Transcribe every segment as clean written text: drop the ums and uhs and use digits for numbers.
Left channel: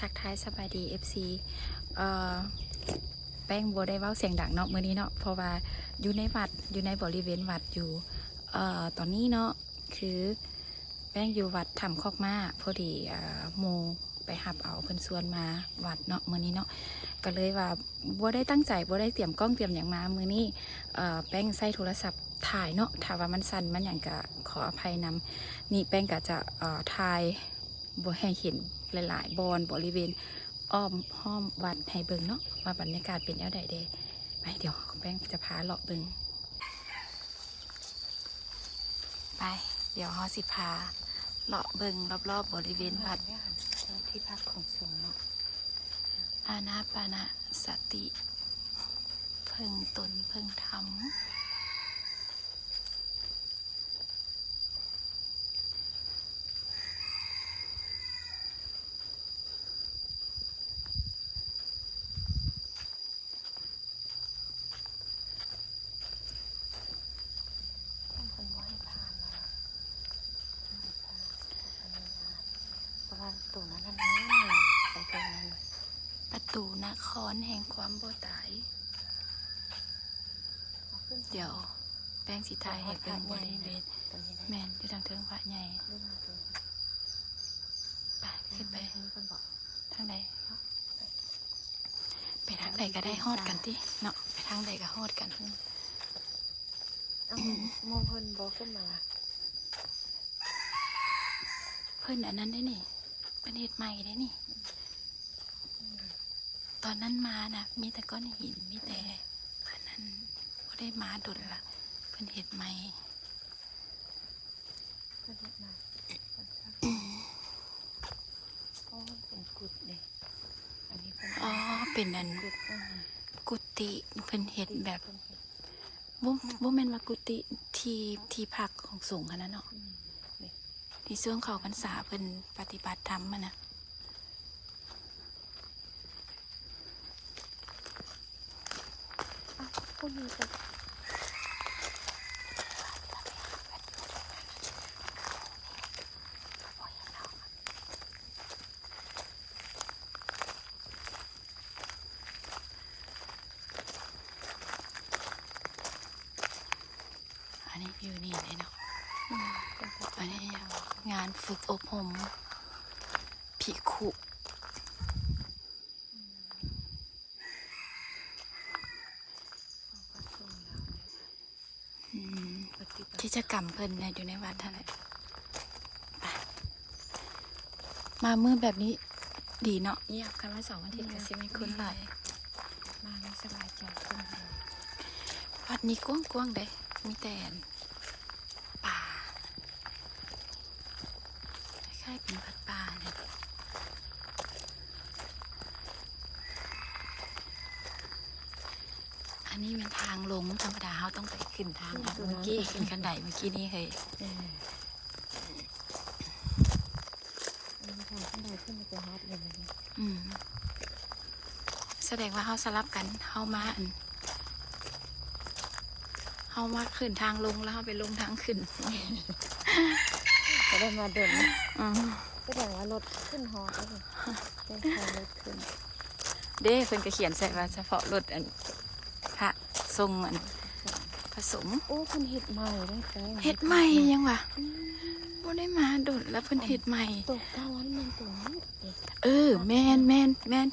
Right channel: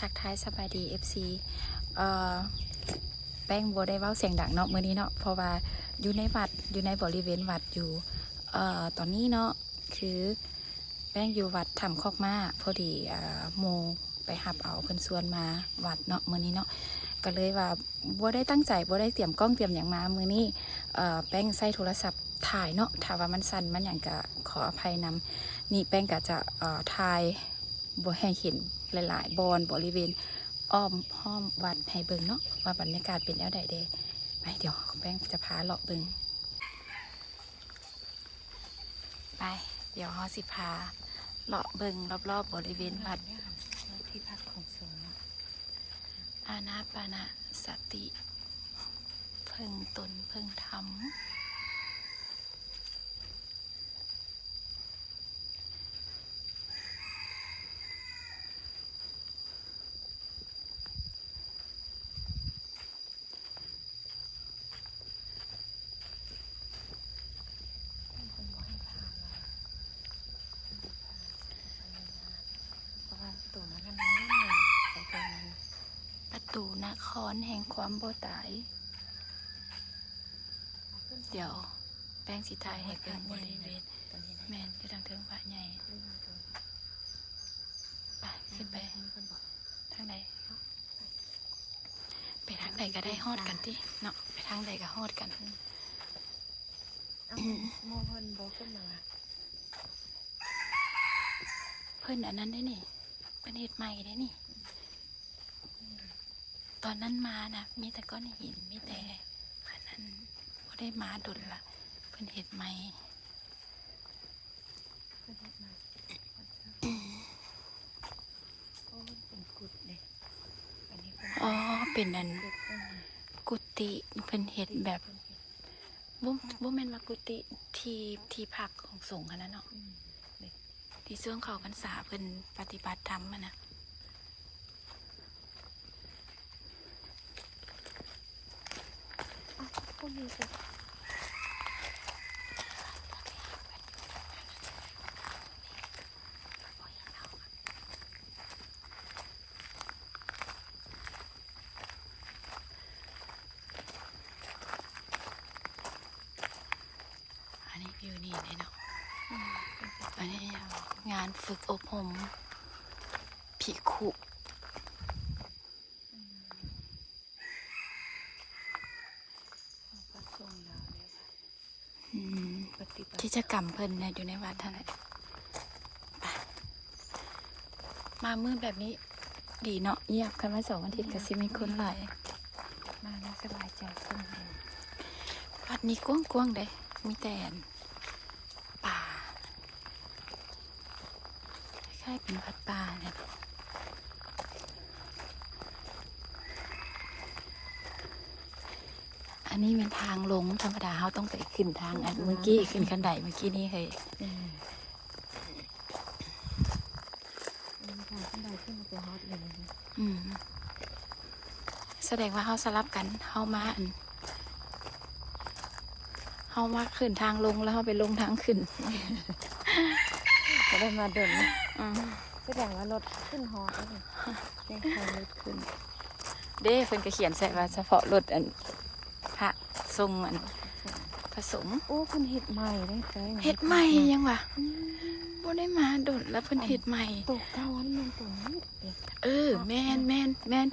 ทักทายสบายดี FC แป้งบัวได้เว้าเสียงดังเนาะมื้อนี้เนาะเพราะว่าอยู่ในวัดอยู่ในบริเวณวัดอยู่ตอนนี้เนาะคือแป้งอยู่วัดถ้ำคอกม้าพอดีโมไปหับเอาเพิ่นส่วนมาวัดเนาะมื้อนี้เนาะก็เลยว่าบัวได้ตั้งใจบัวได้เตรียมกล้องเตรียมอย่างมามื้อนี้แป้งใส่โทรศัพท์ถ่ายเนาะถ้าว่ามันสั่นมันอย่างก็ขออภัยนำนี่แป้งก็จะถ่ายบัวให้เห็นหลายๆบอนบริเวณอ้อมห้อมวัดให้เบิ่งเนาะว่าบรรยากาศเป็นแนวใดเด้ไปเดี๋ยวแป้งจะพาเลาะเบิ่งไปเดี๋ยวฮอสิพาเลาะเบิ่งรอบๆบริเวณวัดที่พักของสงฆ์ อานาปานะสติเพิ่งตนเพิ่งทำประตูนครแห่งความบ่ตายเดี๋ยวแป้งสีไทยให้เป็นบริเวณแมนไปทางเทิงพระใหญ่ไปขึ้นไปทางใดไปทางใดก็ได้ฮอดกันที่เนาะไปทางใดก็ฮอดกันมองคนบอกขึ้นมา เพิ่นอันนั้นได้นี่เป็นเหตุใหม่ได้นี่ตอนนั้นมานะมีแต่ก้อนหินมีแต่อันนั้นก็ได้มาดุลละเป็นเหตุใหม่อ๋อเป็นอันกุฏิเป็นเหตุแบบบ่แม่นว่ากุฏิที่พักของสงฆ์อันนั้นเนาะที่ช่วงเขาพรรษาเพิ่นปฏิบัติธรรมอะนะอันนี้อยู่นี่เนาะอันนี้งานฝึกอบรมภิกขุกิจกรรมเพิ่นเนี่ยอยู่ในวัดเท่าไหร่มามือแบบนี้ดีเนาะเงียบกันมา2 อาทิตย์ก็สิมีคนหลายมาในสบายใจขึ้น วัดนี้กว้างๆเด้มีแต่ป่าคล้ายๆเป็นวัดป่าเนี่ยอันนี้เป็นทางลงธรรมดาเขาต้องไปขึ้นทางเมื่อกี้ขึ้นกันไดเมื่อกี้นี่เคยแสดงว่าเขาสลับกันเขามาขึ้นทางลงแล้วเขาไปลงทางขึ้นจะได้มาดมแสดงว่ารถขึ้นฮอเป็นรถขึ้นเด้เพิ่นก็เขียนใส่ว่าเฉพาะรถพระทรงผสมโอ้เพิ่นเฮ็ดใหม่ได้ใจเฮ็ดใหม่ยังวะบ่ได้มาโดดแล้วเพิ่นเฮ็ดใหม่ตกตะวันมันตรงนี้แม่น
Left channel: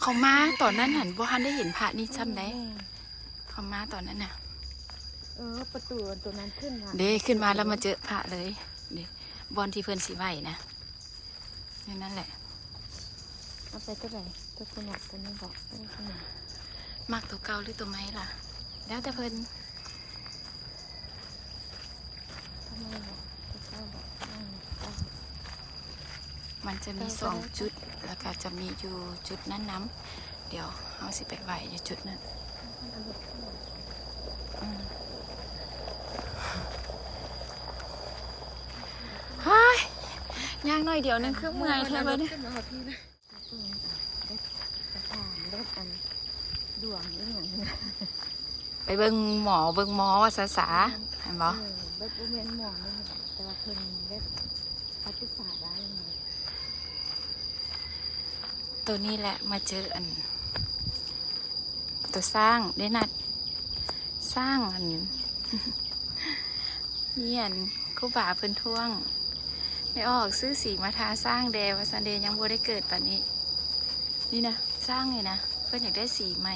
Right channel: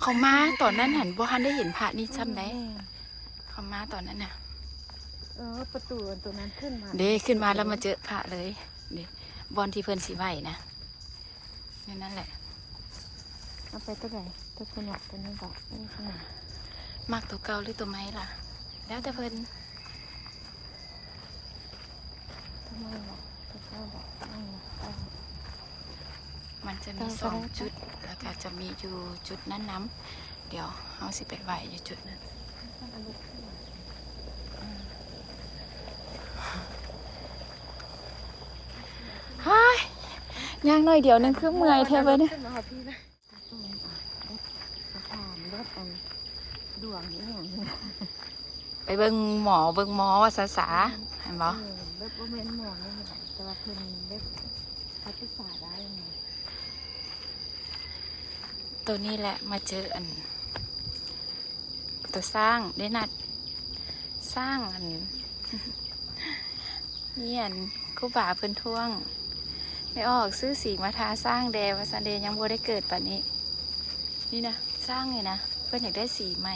เขามาตอนนั้นหันบ่ทันได้เห็นพระนี่ซ้ำได้เขามาตอนนั้นน่ะประตูตัวนั้นขึ้นมาเด้ขึ้นมาแล้วมาเจอพระเลยเด้บอนที่เพิ่นสิไหวนะนั่นแหละเอาไปตัวไหนตัวขนาดตัวนี้บอกนี่ขนาดมากตัวเก่าหรือตัวไม้ล่ะแล้วแต่เพิ่นมันจะมี2 จุดแล้วก็จะมีอยู่จุดนั้นน้ำเดี๋ยวเอาสิไปไหวอยู่จุดนั้นฮ่ายย่างหน่อยเดี๋ยวนึงคือเมื่อยแทบเลยเนี่ยไปเบิ่งหมอว่าสาเห็นบ่เล็บเวียนหมองเลยแต่ว่าเพิ่นเล็บเขาศึกษาได้ยังไง ตัวนี้แหละมาเจออัน ตัวสร้างได้นัดสร้างอัน นี่อันครูบาเพิ่นท่วงไม่ออกซื้อสีมาทาสร้างแดวซันเดยังบ่ได้เกิดป่านนี้ นี่นะสร้างเลยนะเพื่อนอยากได้สีใหม่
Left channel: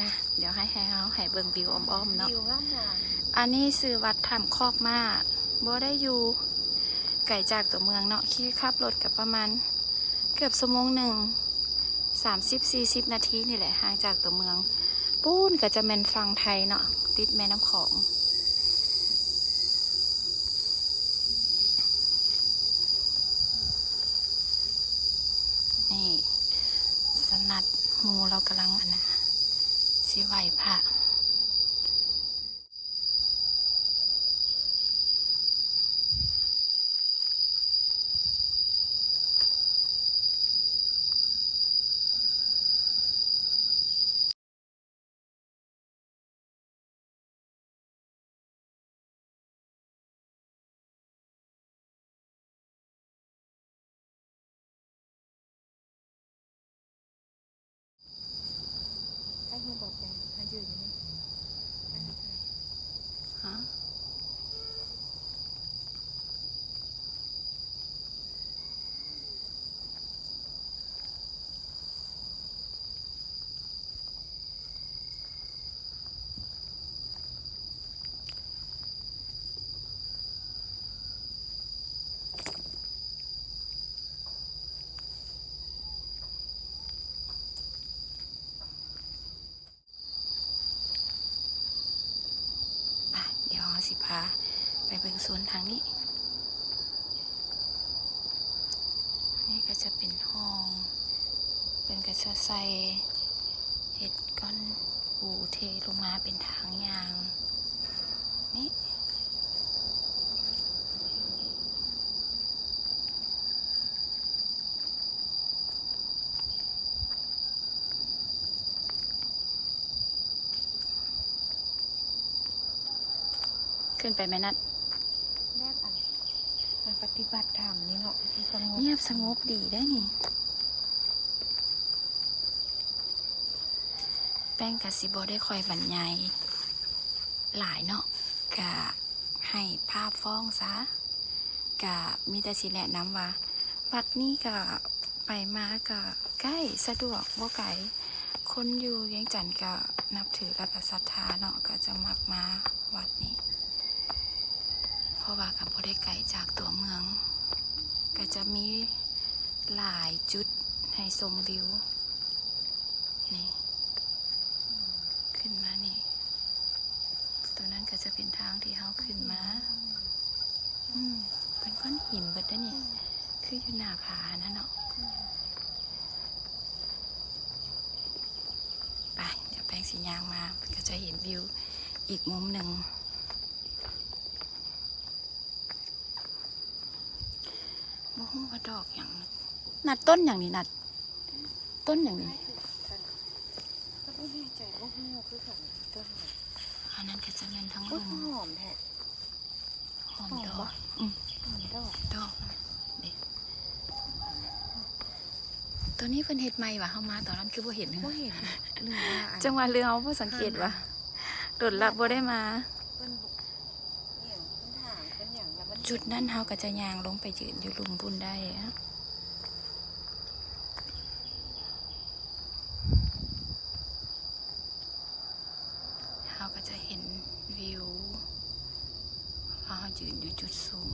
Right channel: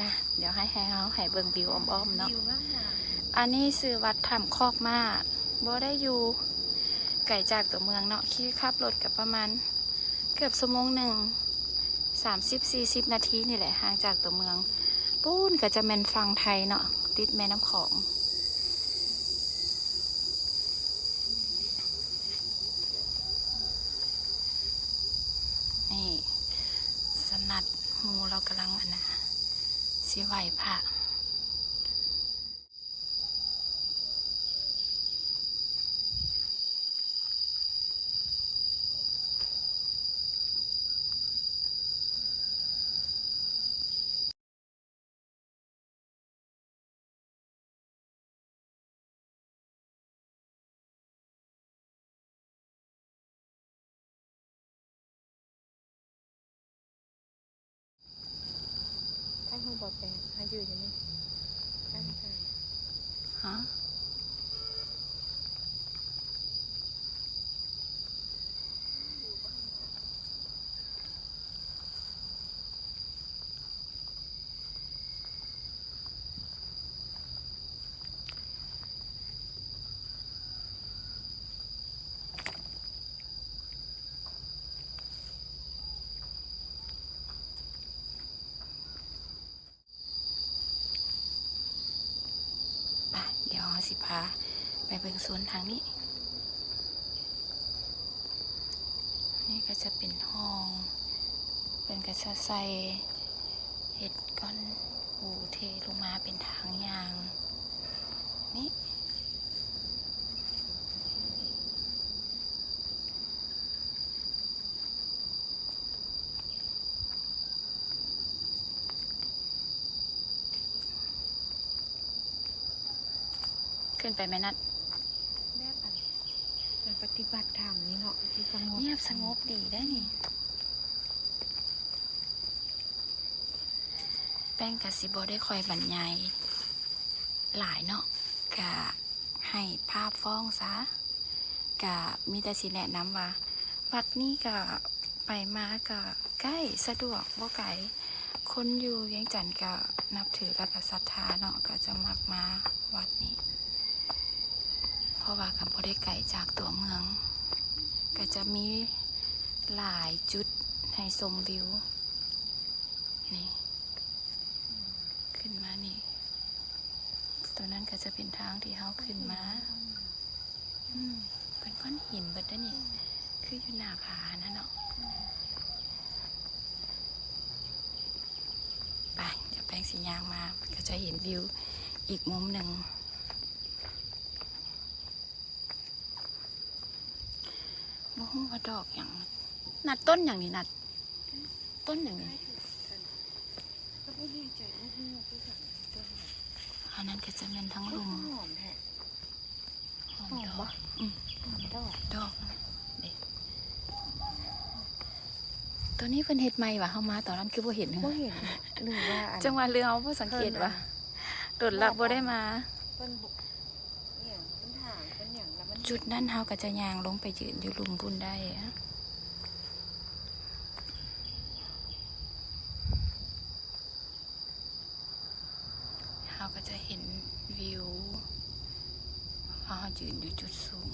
นะเดี๋ยวให้เขาเบิ่งวิวอ้อมๆเนาะ วิวงาม อันนี้ซื้อวัดถ้ำคอกมาบ่ได้อยู่ไก่จากตัวเมืองเนาะขี่ขับรถกับประมาณเกือบชั่วโมงหนึ่ง30-40 นาทีนี่แหละห่างจากตัวเมืองปูนก็จะเป็นฝั่งไทยเนาะติดแม่น้ำของนี่สนัดหมูเรากำลังอันนะสิไหวพระ ให้คุณบอกไปให้ยืนอยู่นี่ให้ใช่ ฮะไปเดี๋ยวเราสิพาไปเบิ่งสวนทางนี้ นี่ก็จะเป็นห้อง เป็นกระชะใสเห็ดก้อนปูเทลงมาเป็นทางยาง นี่ ขึ้นไปไหมนัด ได้ไปมันปฏิบัติธรรมนี่เหรอที่สงบ เงียบสงบดีได้นี่ แป้งกะสิบได้คอยบรรยายหลายเนาะกะให้ภาพฟ้องซะกะมีแต่สิแนะนำว่า วัดนี้กะไปมากะใกล้สะดวกบ่ไกลคนอยู่เวียงจันทน์กะนับถือและกะศรัทธาเนาะก็จะมักมาวัดนี้ เพราะว่ากับบ่ได้ไกลจากตัวเมือง ก็จะมีหลายจุดให้ชมวิว นี่ ขึ้นมานี่ ตัวนั้นก็จะเป็นทางที่เขาขึ้นมา เป็นก้อนหินเบิดได้นี่ คืออยู่หน้าผานั่นเนาะ ไป เดี๋ยวแป้งสียางมา ก็จะเห็นวิวอีกมุมหนึ่ง บ่ฮู้ว่าดอกอย่างนัดต้นอย่างนี้นัด ต้นอย่างนี้ ก็ไม่ดีใจว่าหัวคือของเจ้าหอ อันนั้นก็จะเป็นทั้ง ม ลุม หอมแท้ หอม หอม ดอ ปะ ก หอมดอก ดอกนะเด็กตัวนี้เป็นเห็ดใหม่วะเข้ามาตอนนั้นคือบ่เห็นเหร ก็ อ เห็นหรือว่าอัน จังหวะเรือเขาบ่สังเกตวะโดดลับบ่ได้มา เป็นบุกเนี่ยเป็นถางเป็นอย่างแล้วมัน จุดนั้นเขาก็จะย่างลงไปยืนอยู่หลุมบุญได้อะเขาก็จะเห็นวิวเขายืนอยู่จุดสูง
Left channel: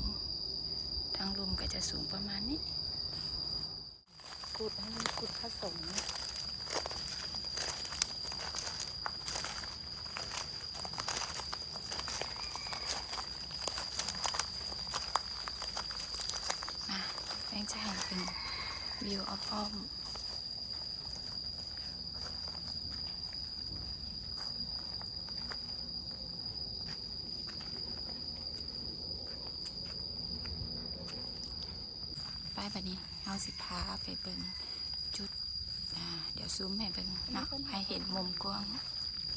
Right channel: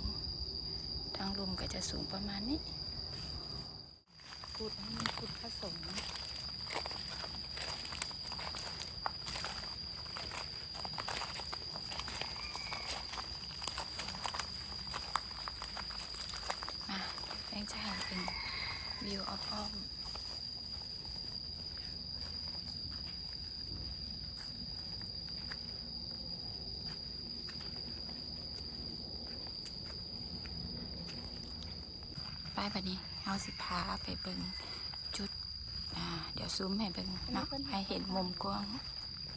ทางลมก็จะสูงประมาณนี้ ขุดให้มันขุดผสม มาแป้งจะให้เป็นวิวอ้อมๆไปแบบนี้เอาสิพาไปเบิ่งจุด เดี๋ยวซูมให้เบิ่งเนาะให้เห็นมุมกว้าง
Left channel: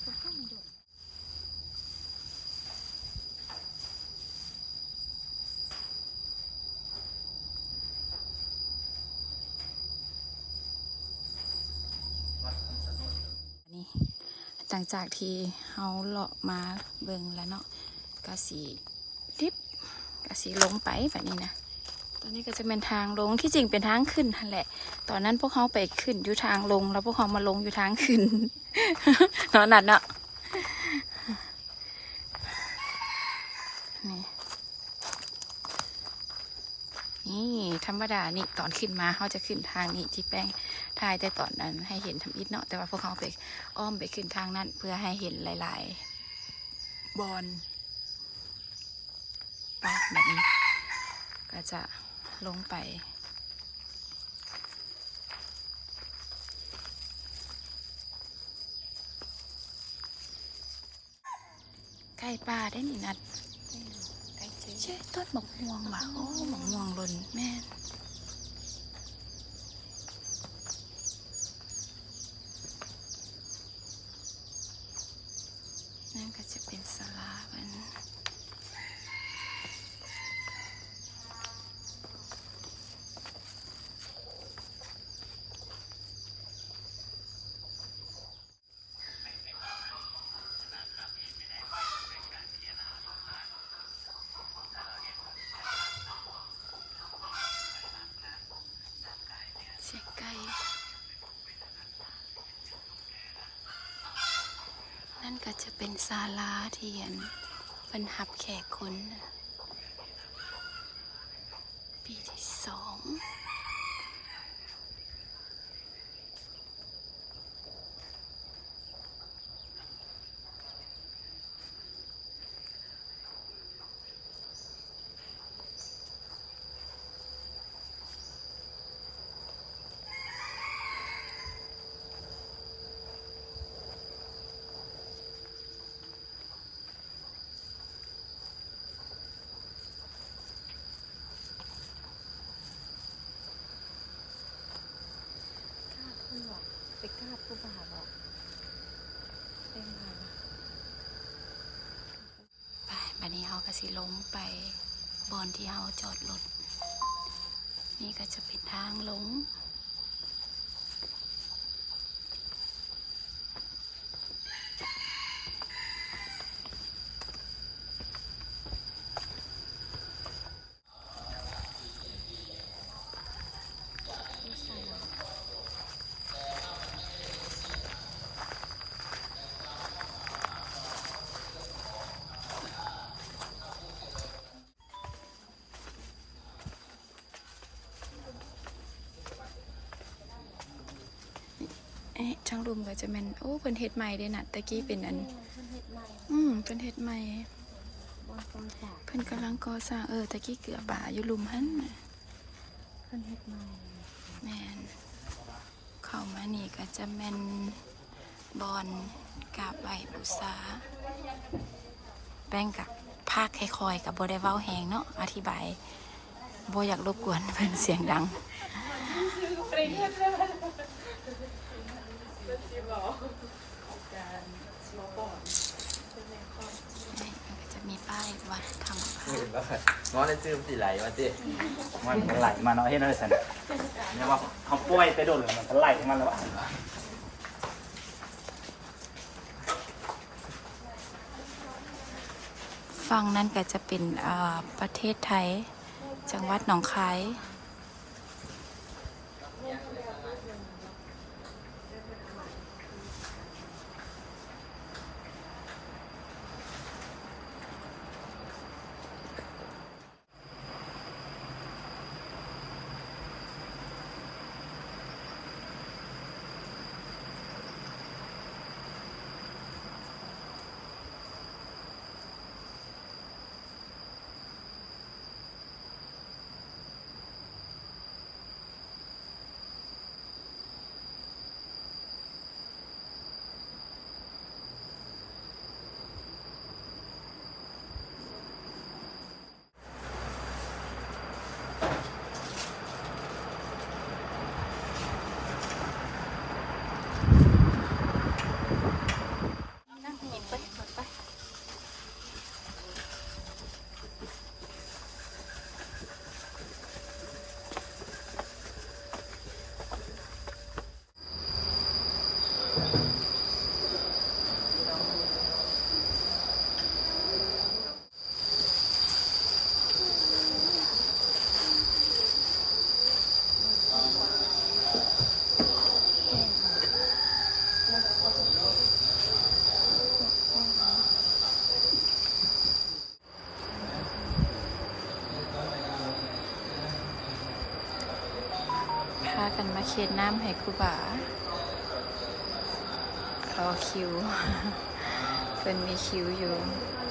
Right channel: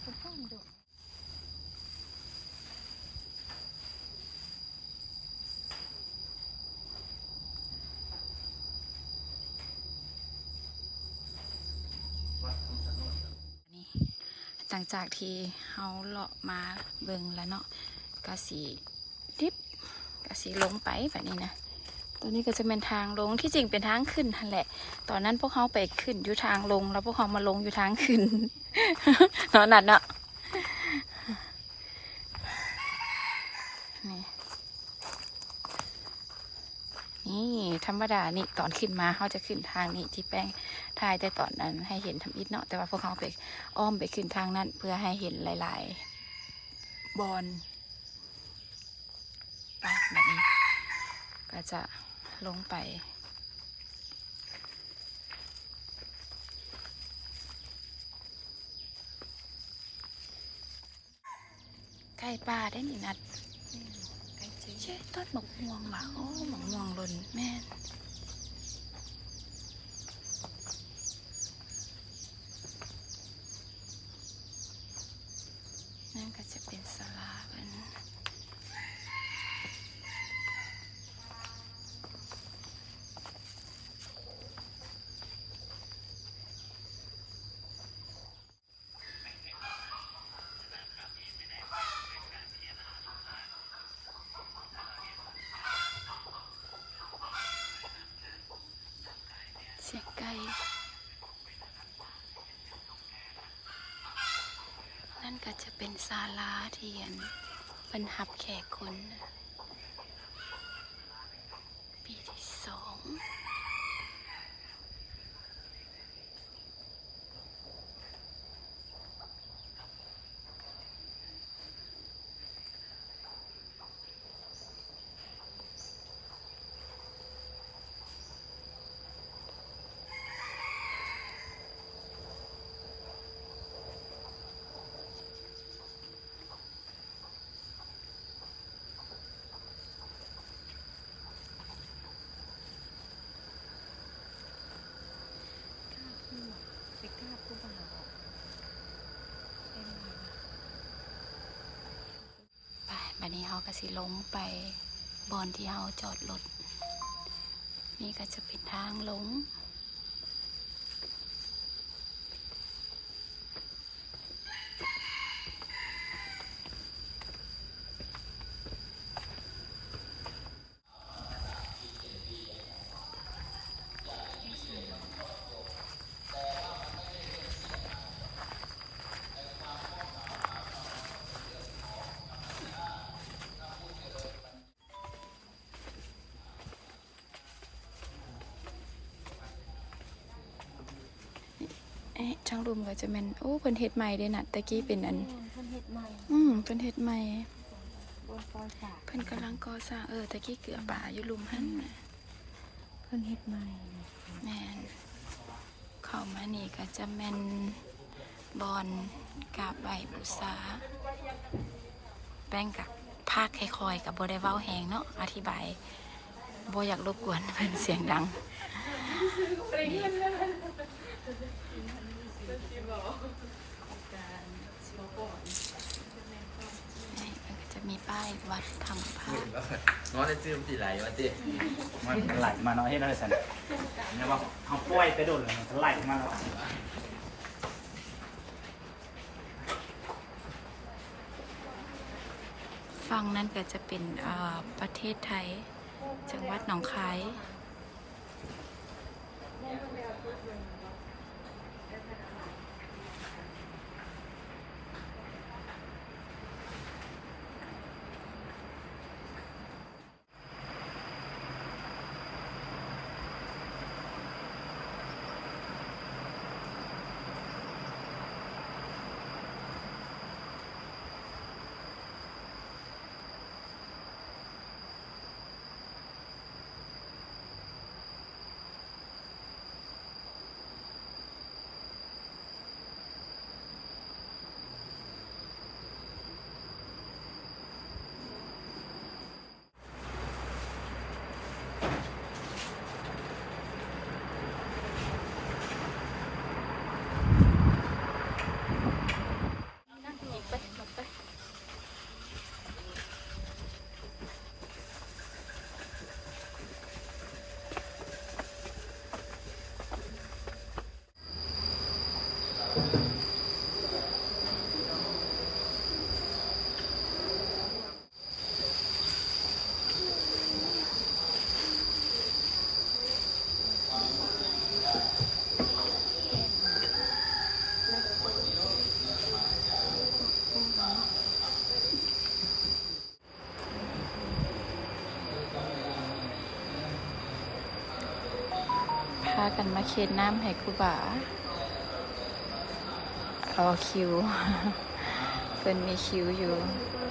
เขาเพิ่มดอก หลังจากที่เฮาเลาะมาเบิ่งแล้วเนาะกะสีดิบกะสีลงไปแบบนี้นะตอนนี้ก็จะเป็นทางลงที่จริงเป็นทางขึ้นนั่นแหละตอนนั้นพวกเขาไปขึ้นอยู่ทางลงแล้วพวกเขามาลงอยู่ทางขึ้น เนาะนัดเนาะนี่ธรรมดานี่ตอนขึ้นมาเขาจะขึ้นทางนี้ที่แป้งถ่ายแต่ตอนนั้นให้เห็นทำอิฐเนาะแต่ว่าพวกเขาไปอ้อมไปขึ้นทางนั้นเพื่อให้เห็นหลายๆบอลแบบนี้ก็จะลงไปใกล้ป่าได้นี่นัดใช่ต้นหมกม่วงว่ะโอ้หมกม่วงหล่นแม่นั่นก็จะเป็นศาลามันเสียงไก่นั่นก็จะเป็นศาลาเทียนบรรหับแขกคนปีที่2ไปกราบผู้บ่าวบอกเป็นไง ไปบัดนี้เขาก็สิลงไปบอนที่เขาจอดรถนี่ก็จะเป็นทางลงช่างรุมก็จะเป็นโอ้เพิ่นเฮ็ดใหม่เด้น่ะตะกี้เป็นอัน เพิ่นเฮ็ดใหม่ เพิ่นเฮ็ดใหม่ บนปราสาท เพิ่นกำลังก่อสร้างตะกี้เกลือป่าอยู่ลุมหั่นน่ะ เพิ่นเฮ็ดใหม่ แม่นเข้ามานี่ก็จะแม่นบอนกราบไหว้บูชาแป้งกับภาคค่อยๆกับบ่ได้เว้าแฮงเนาะอธิบายบ่อยากรบกวนเพิ่นเสียงดังมันก็จะมีป้ายวัดธรรมภาค ง้อได้ซื้อสีไหลแล้วสิ มันไหลมาเนาะเฮ็ดได้ซั่นเนี่ยว่าเขาป่วยไปโดนแล้วมันก็ไหลมาแล้ว ฝั่งนั้นก็จะเป็นประเทศไทยจังหวัดหนองคาย ากันมาเค็ดน้ำให้ครูบารอคิว เพิ่นมีคิวอยู่ เ